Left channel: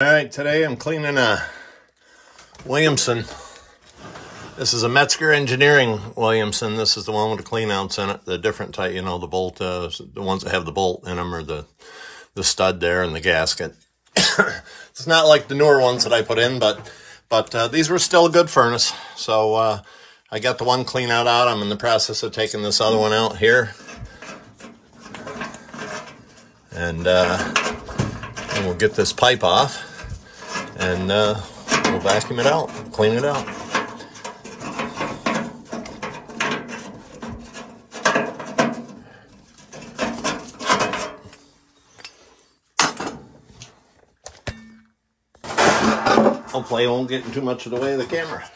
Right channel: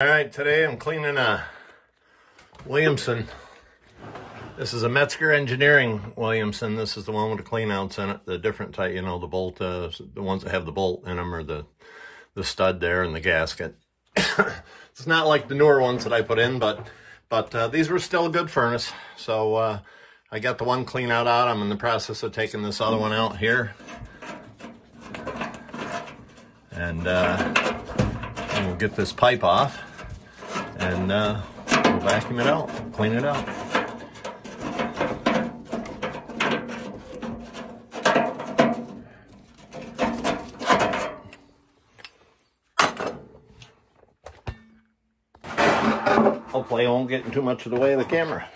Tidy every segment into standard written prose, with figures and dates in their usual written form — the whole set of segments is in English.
All right, today I'm cleaning a Williamson. This is a Metzger Engineering Williamson. This is the one with the clean outs in it, the different type, you know, the bolt, the ones that have the bolt in them, or the stud there and the gasket. It's not like the newer ones that I put in, but these were still a good furnace. So I got the one clean out. I'm in the process of taking this other one out here. And we'll get this pipe off, and we'll vacuum it out, clean it out. Hopefully I won't get in too much of the way of the camera.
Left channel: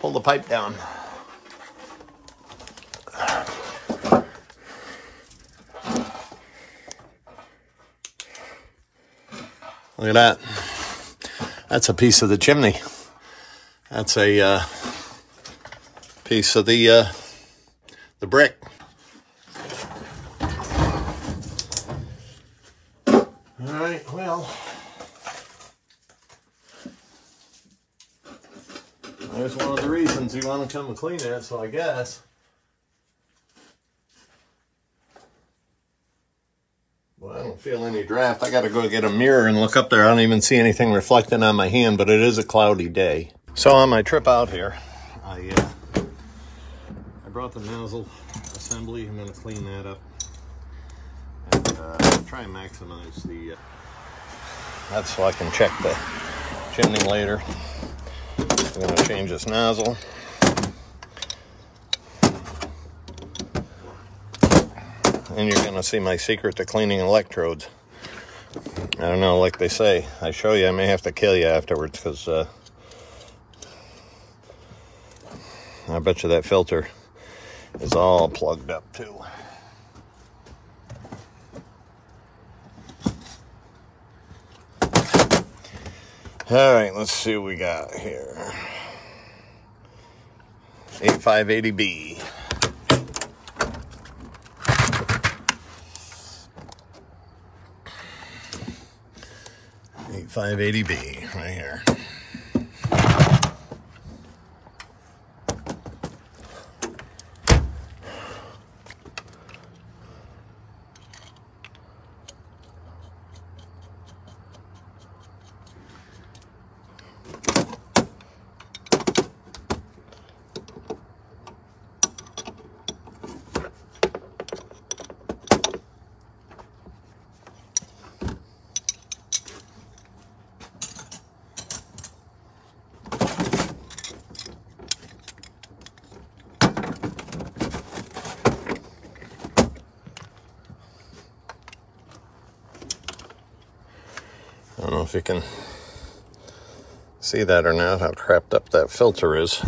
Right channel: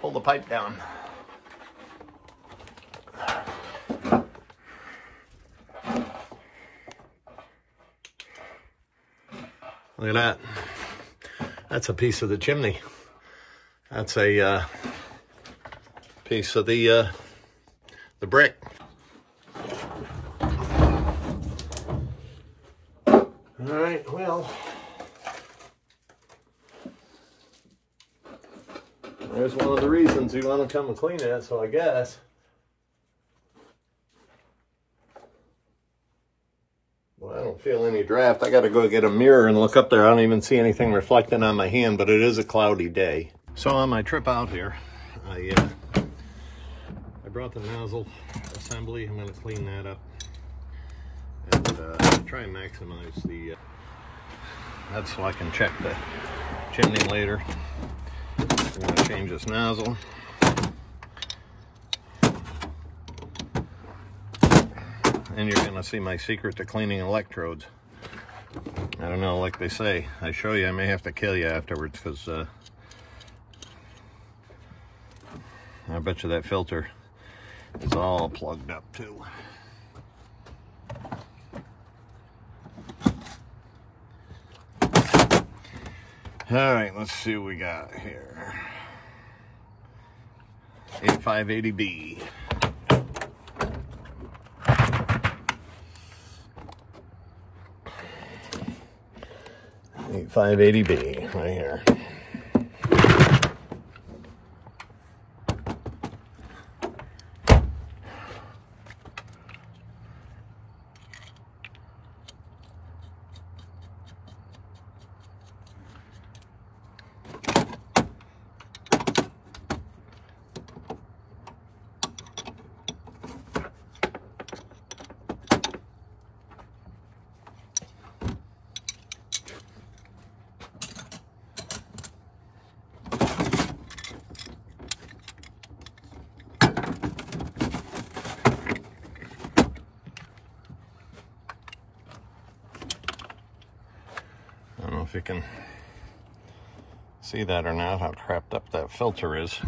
Pull the pipe down. Look at that. That's a piece of the chimney. That's a piece of the brick. All right, well, there's one of the reasons you want to come and clean it, so I guess. Well, I don't feel any draft. I got to go get a mirror and look up there. I don't even see anything reflecting on my hand, but it is a cloudy day. So on my trip out here, I brought the nozzle assembly. I'm going to clean that up and try and maximize the... that's so I can check the chimney later. I'm going to change this nozzle. And you're going to see my secret to cleaning electrodes. I don't know, like they say, I show you, I may have to kill you afterwards, because I bet you that filter is all plugged up too. All right, let's see what we got here. 8580B. 8580B right here. I don't know if you can see that or not, how crapped up that filter is.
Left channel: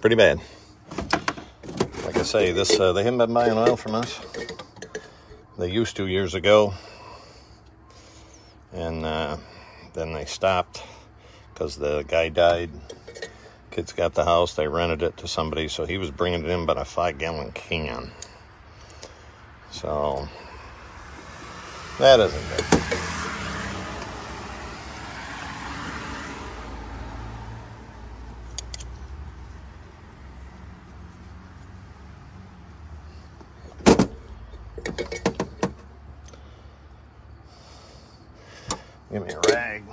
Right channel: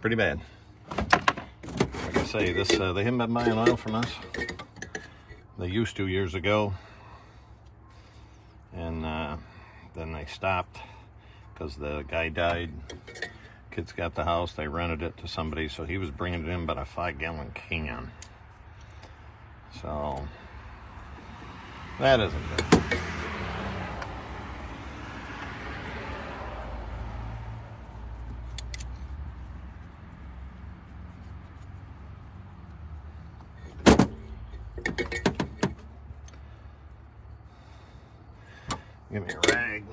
Pretty bad. Like I say, this they haven't been buying oil from us. They used to years ago. And then they stopped because the guy died. Kids got the house, they rented it to somebody, so he was bringing it in about a 5-gallon can. So, that isn't good. Give me a rag.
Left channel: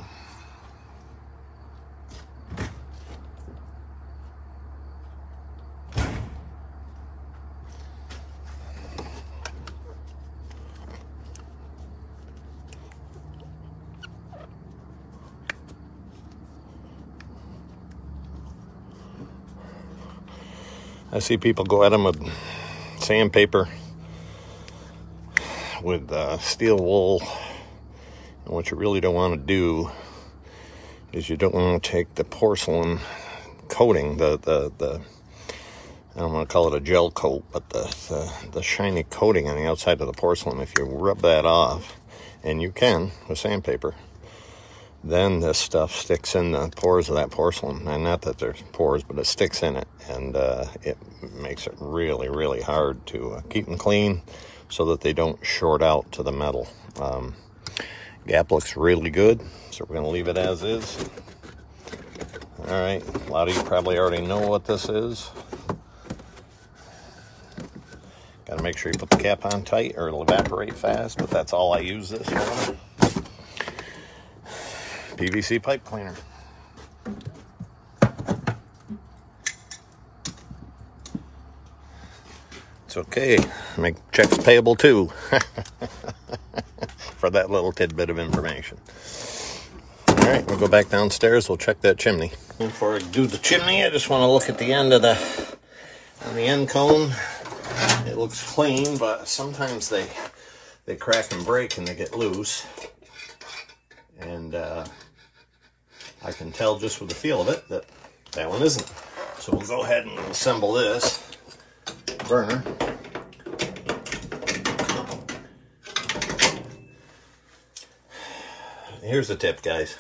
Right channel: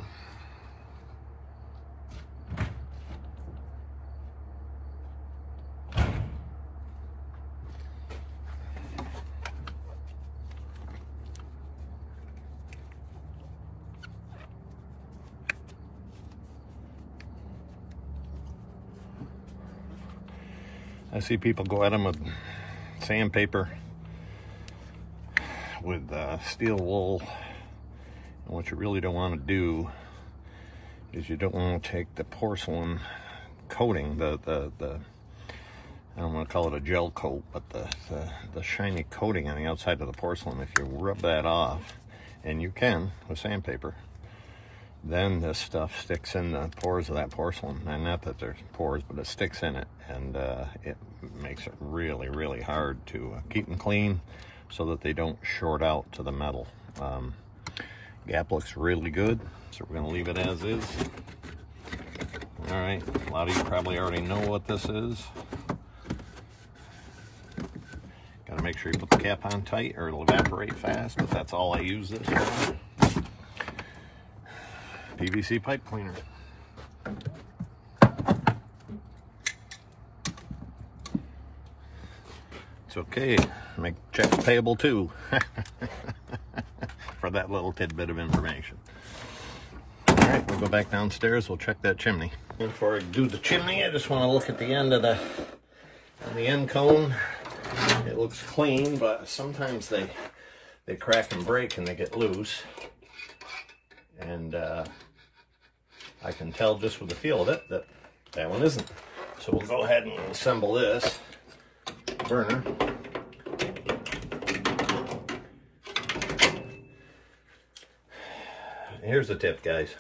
I see people go at them with sandpaper, with steel wool. And what you really don't want to do is you don't want to take the porcelain coating, the I don't want to call it a gel coat, but the shiny coating on the outside of the porcelain. If you rub that off, and you can with sandpaper, then this stuff sticks in the pores of that porcelain. And not that there's pores, but it sticks in it, and it makes it really, really hard to keep them clean so that they don't short out to the metal. Gap looks really good, so we're going to leave it as is. All right, a lot of you probably already know what this is. Got to make sure you put the cap on tight or it'll evaporate fast, but that's all I use this for. PVC pipe cleaner. It's okay. Make checks payable too. For that little tidbit of information. All right, we'll go back downstairs. We'll check that chimney. Before I do the chimney, I just want to look at the end of the end cone. It looks clean, but sometimes they crack and break and they get loose. And I can tell just with the feel of it that that one isn't. So we'll go ahead and assemble this burner. Here's the tip, guys.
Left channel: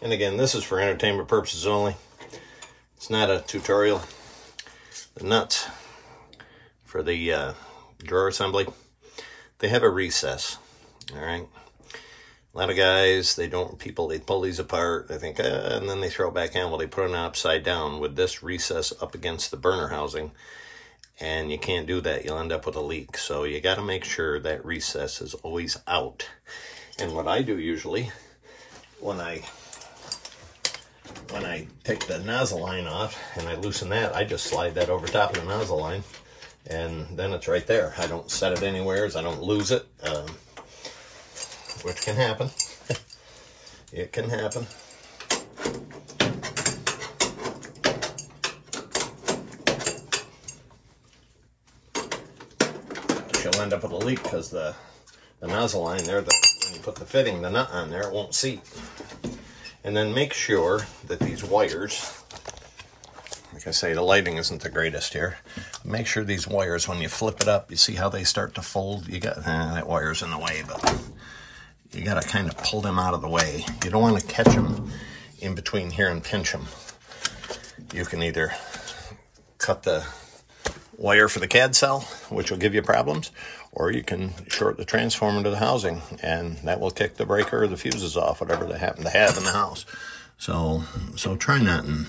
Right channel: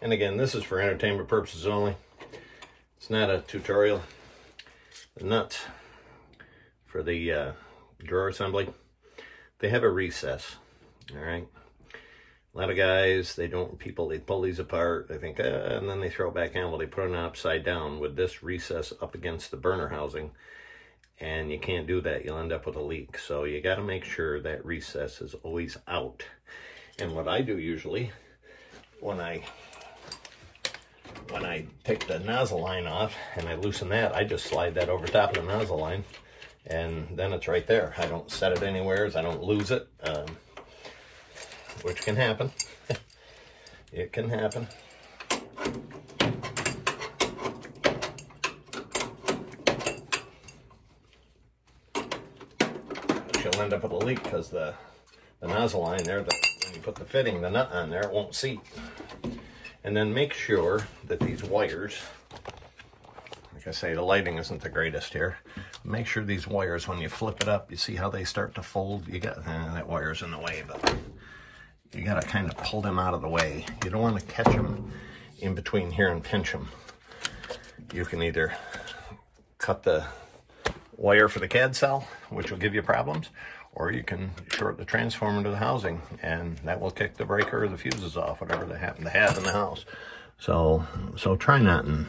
And again, this is for entertainment purposes only. It's not a tutorial. The nuts for the drawer assembly, they have a recess. All right. A lot of guys, they pull these apart, they think, and then they throw it back in. Well, they put them upside down with this recess up against the burner housing, and you can't do that. You'll end up with a leak. So you got to make sure that recess is always out. And what I do usually, when I take the nozzle line off and I loosen that, I just slide that over top of the nozzle line, and then it's right there. I don't set it anywhere, I don't lose it. Which can happen. It can happen. But you'll end up with a leak because the nozzle line there, when you put the nut on there, it won't seat. And then make sure that these wires, like I say, the lighting isn't the greatest here. Make sure these wires, when you flip it up, you see how they start to fold? You got, that wire's in the way, but you got to kind of pull them out of the way. You don't want to catch them in between here and pinch them. You can either cut the wire for the CAD cell, which will give you problems, or you can short the transformer to the housing, and that will kick the breaker or the fuses off, whatever they happen to have in the house. So try that, and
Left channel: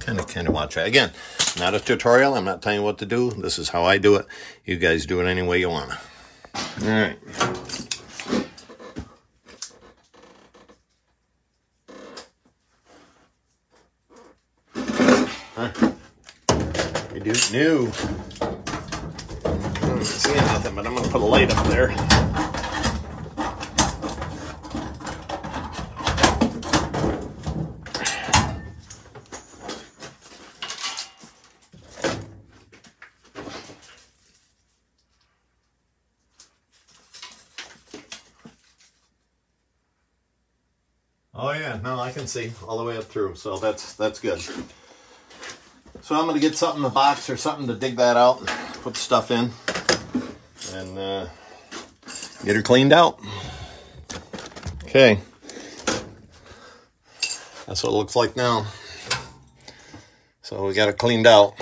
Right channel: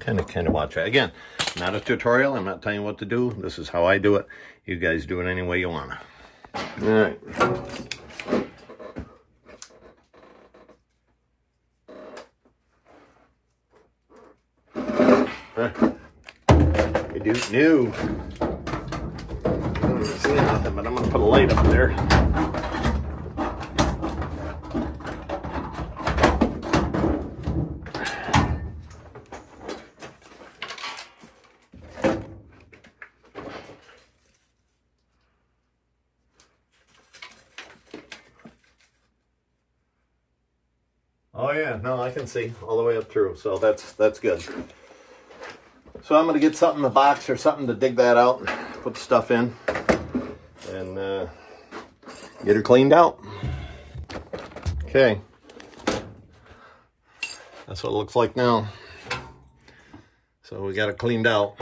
kind of watch it. Again, not a tutorial. I'm not telling you what to do. This is how I do it. You guys do it any way you want to. All right. You do new. I'm not seeing nothing, but I'm going to put a light up there. Oh yeah, no, I can see all the way up through, so that's good. So I'm going to get something in the box or something to dig that out, put the stuff in, and get her cleaned out. Okay. That's what it looks like now. So we got it cleaned out.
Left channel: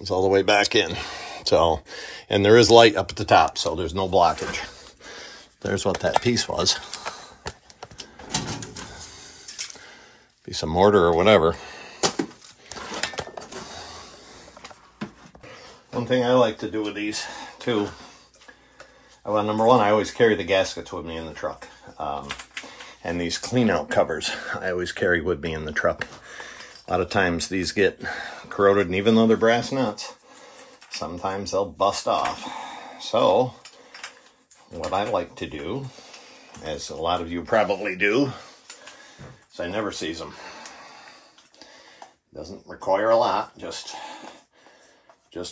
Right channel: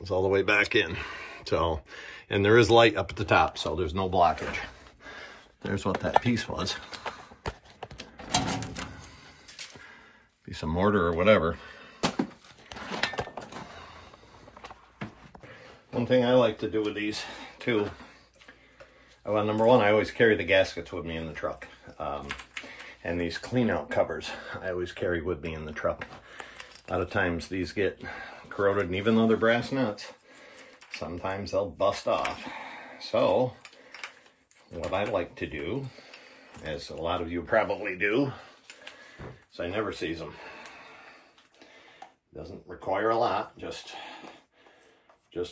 It's all the way back in. So, and there is light up at the top, so there's no blockage. There's what that piece was. Piece of mortar or whatever. One thing I like to do with these too, well, number one, I always carry the gaskets with me in the truck. And these clean out covers I always carry with me in the truck. A lot of times these get corroded, and even though they're brass nuts, sometimes they'll bust off. So what I like to do, as a lot of you probably do, is I never seize them. Doesn't require a lot, just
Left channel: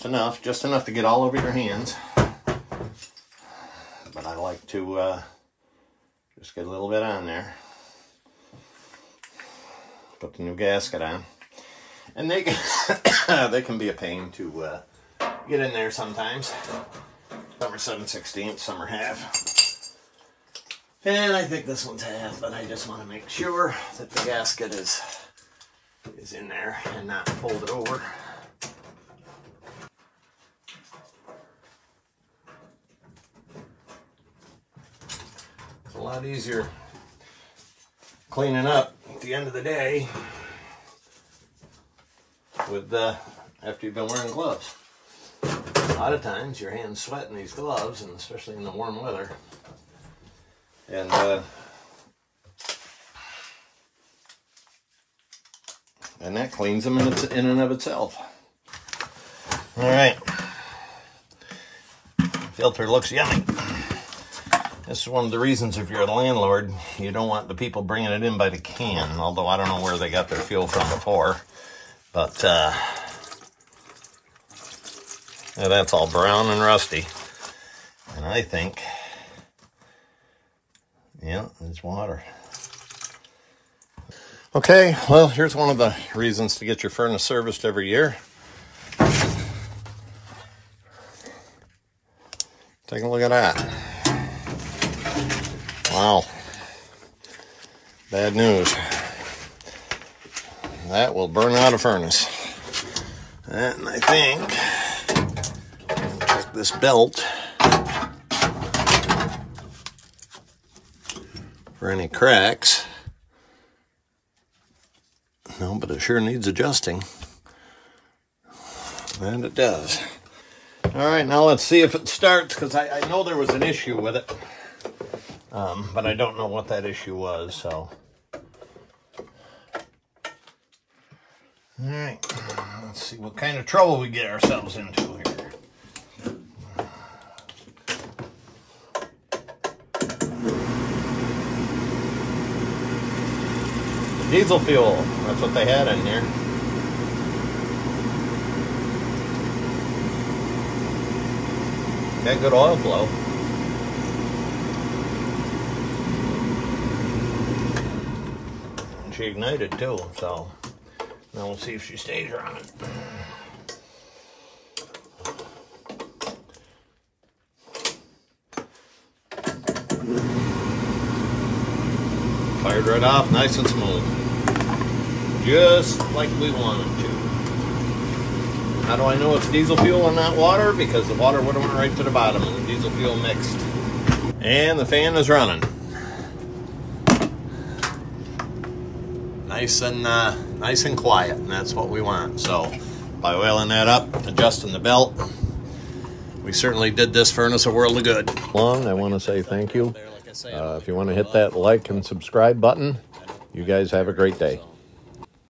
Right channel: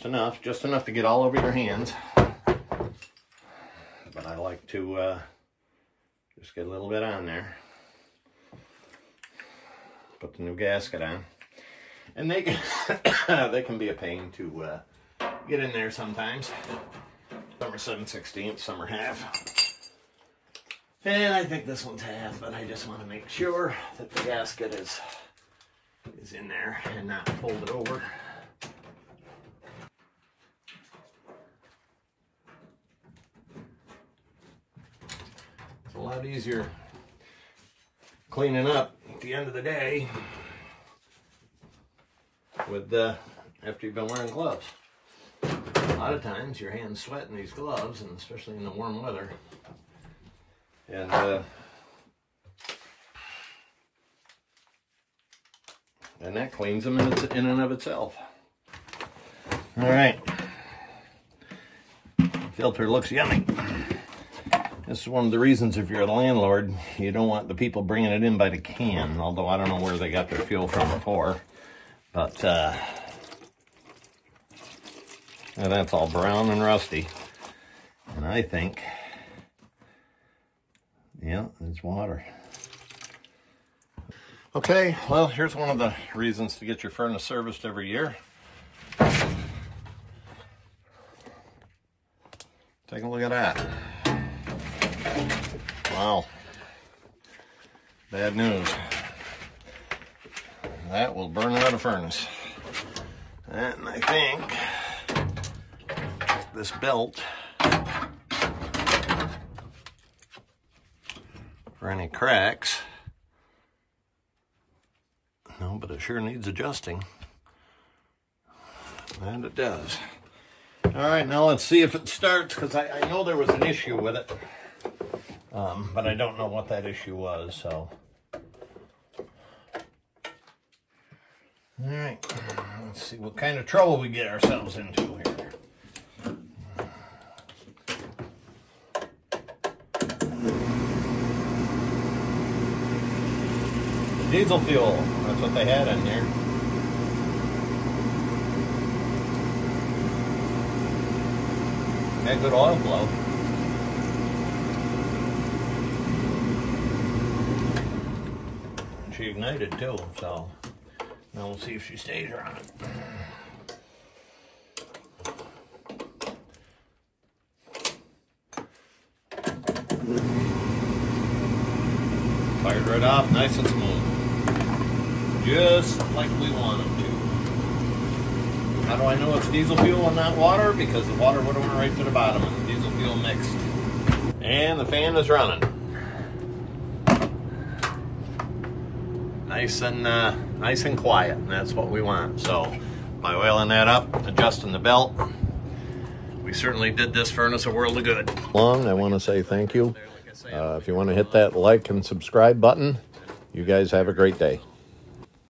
enough to get all over your hands. But I like to just get a little bit on there. Put the new gasket on. And they can, they can be a pain to get in there sometimes. Some are 7/16, some are half. And I think this one's half, but I just want to make sure that the gasket is in there and not fold it over. It's a lot easier cleaning up at the end of the day with after you've been wearing gloves. A lot of times your hands sweat in these gloves, and especially in the warm weather. And that cleans them in and of itself. All right. Filter looks yummy. This is one of the reasons, if you're a landlord, you don't want the people bringing it in by the can, although I don't know where they got their fuel from before. But yeah, that's all brown and rusty. And I think, yeah, it's water. Okay, well, here's one of the reasons to get your furnace serviced every year. Take a look at that. Wow. Bad news. That will burn out a furnace. And I think, check this belt for any cracks. No, but it sure needs adjusting. And it does. All right, now let's see if it starts, because I know there was an issue with it. But I don't know what that issue was, so. All right, let's see what kind of trouble we get ourselves into here. Diesel fuel, that's what they had in here. Got good oil flow. And she ignited too, so now we'll see if she stays running. Fired right off, nice and smooth. Just like we wanted to. How do I know it's diesel fuel and not water? Because the water would have went right to the bottom and the diesel fuel mixed. And the fan is running. Nice and quiet, and that's what we want. So by oiling that up, adjusting the belt, we certainly did this furnace a world of good. I want to say thank you. If you want to hit that like and subscribe button, you guys have a great day.